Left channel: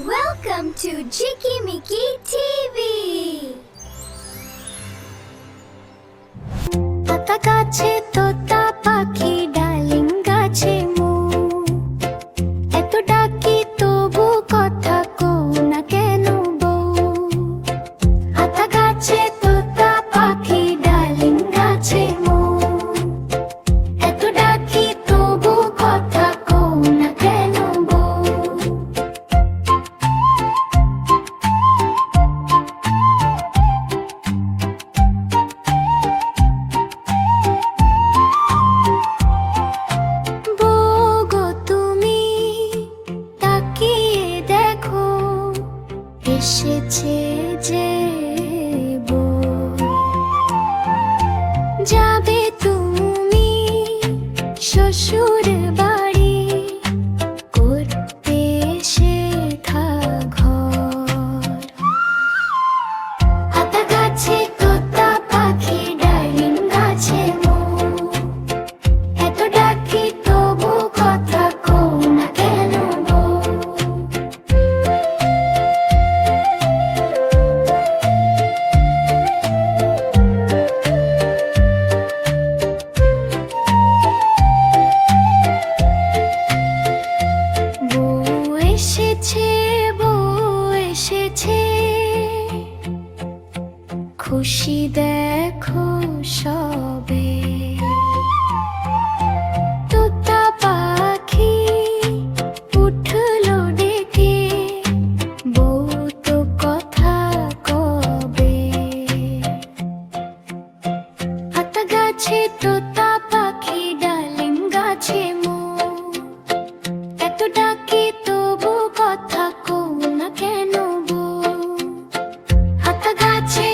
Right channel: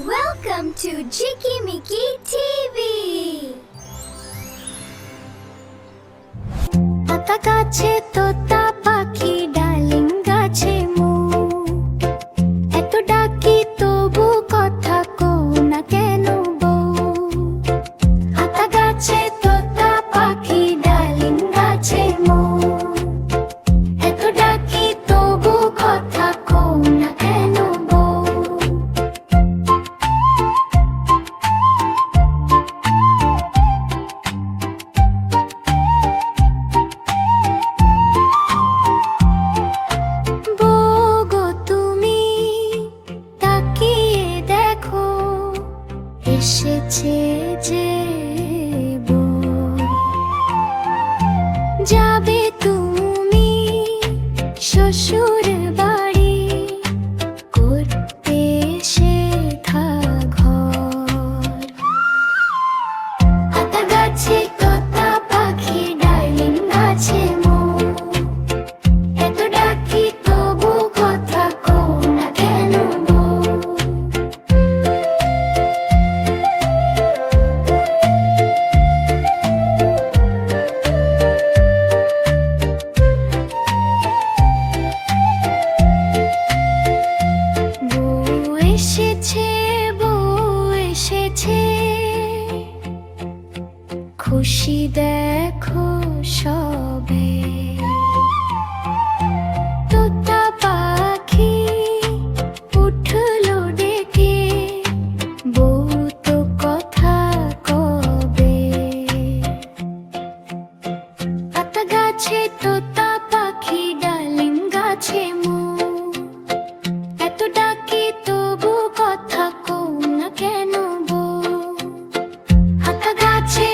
Welcome to Jikimiki TV. পাতা গাছে তোতা পাখি ডালিম গাছে মু এত ডাকি তবু কথা কও না কেন বউ পাতা গাছে তোতা পাখি ডালিম গাছে মু এত ডাকি তবু কথা কও না কেন বউ এসেছে যে বউ যাবে তুমি শ্বশুর বাড়ি করতে শেখা ঘর হাতা গাছে তোতা পাখি ডালিম গাছে মৌ এত ডাকি তবু কথা কও না কেন এসেছে খুশি দেখো সবে তোতা পাখি উঠলো ডেকে বউ তো কথা কবে পাতা গাছে তোতা পাখি ডালিম গাছে মৌ এত ডাকি তবু কথা কও না কেন বউ হাতা গাছে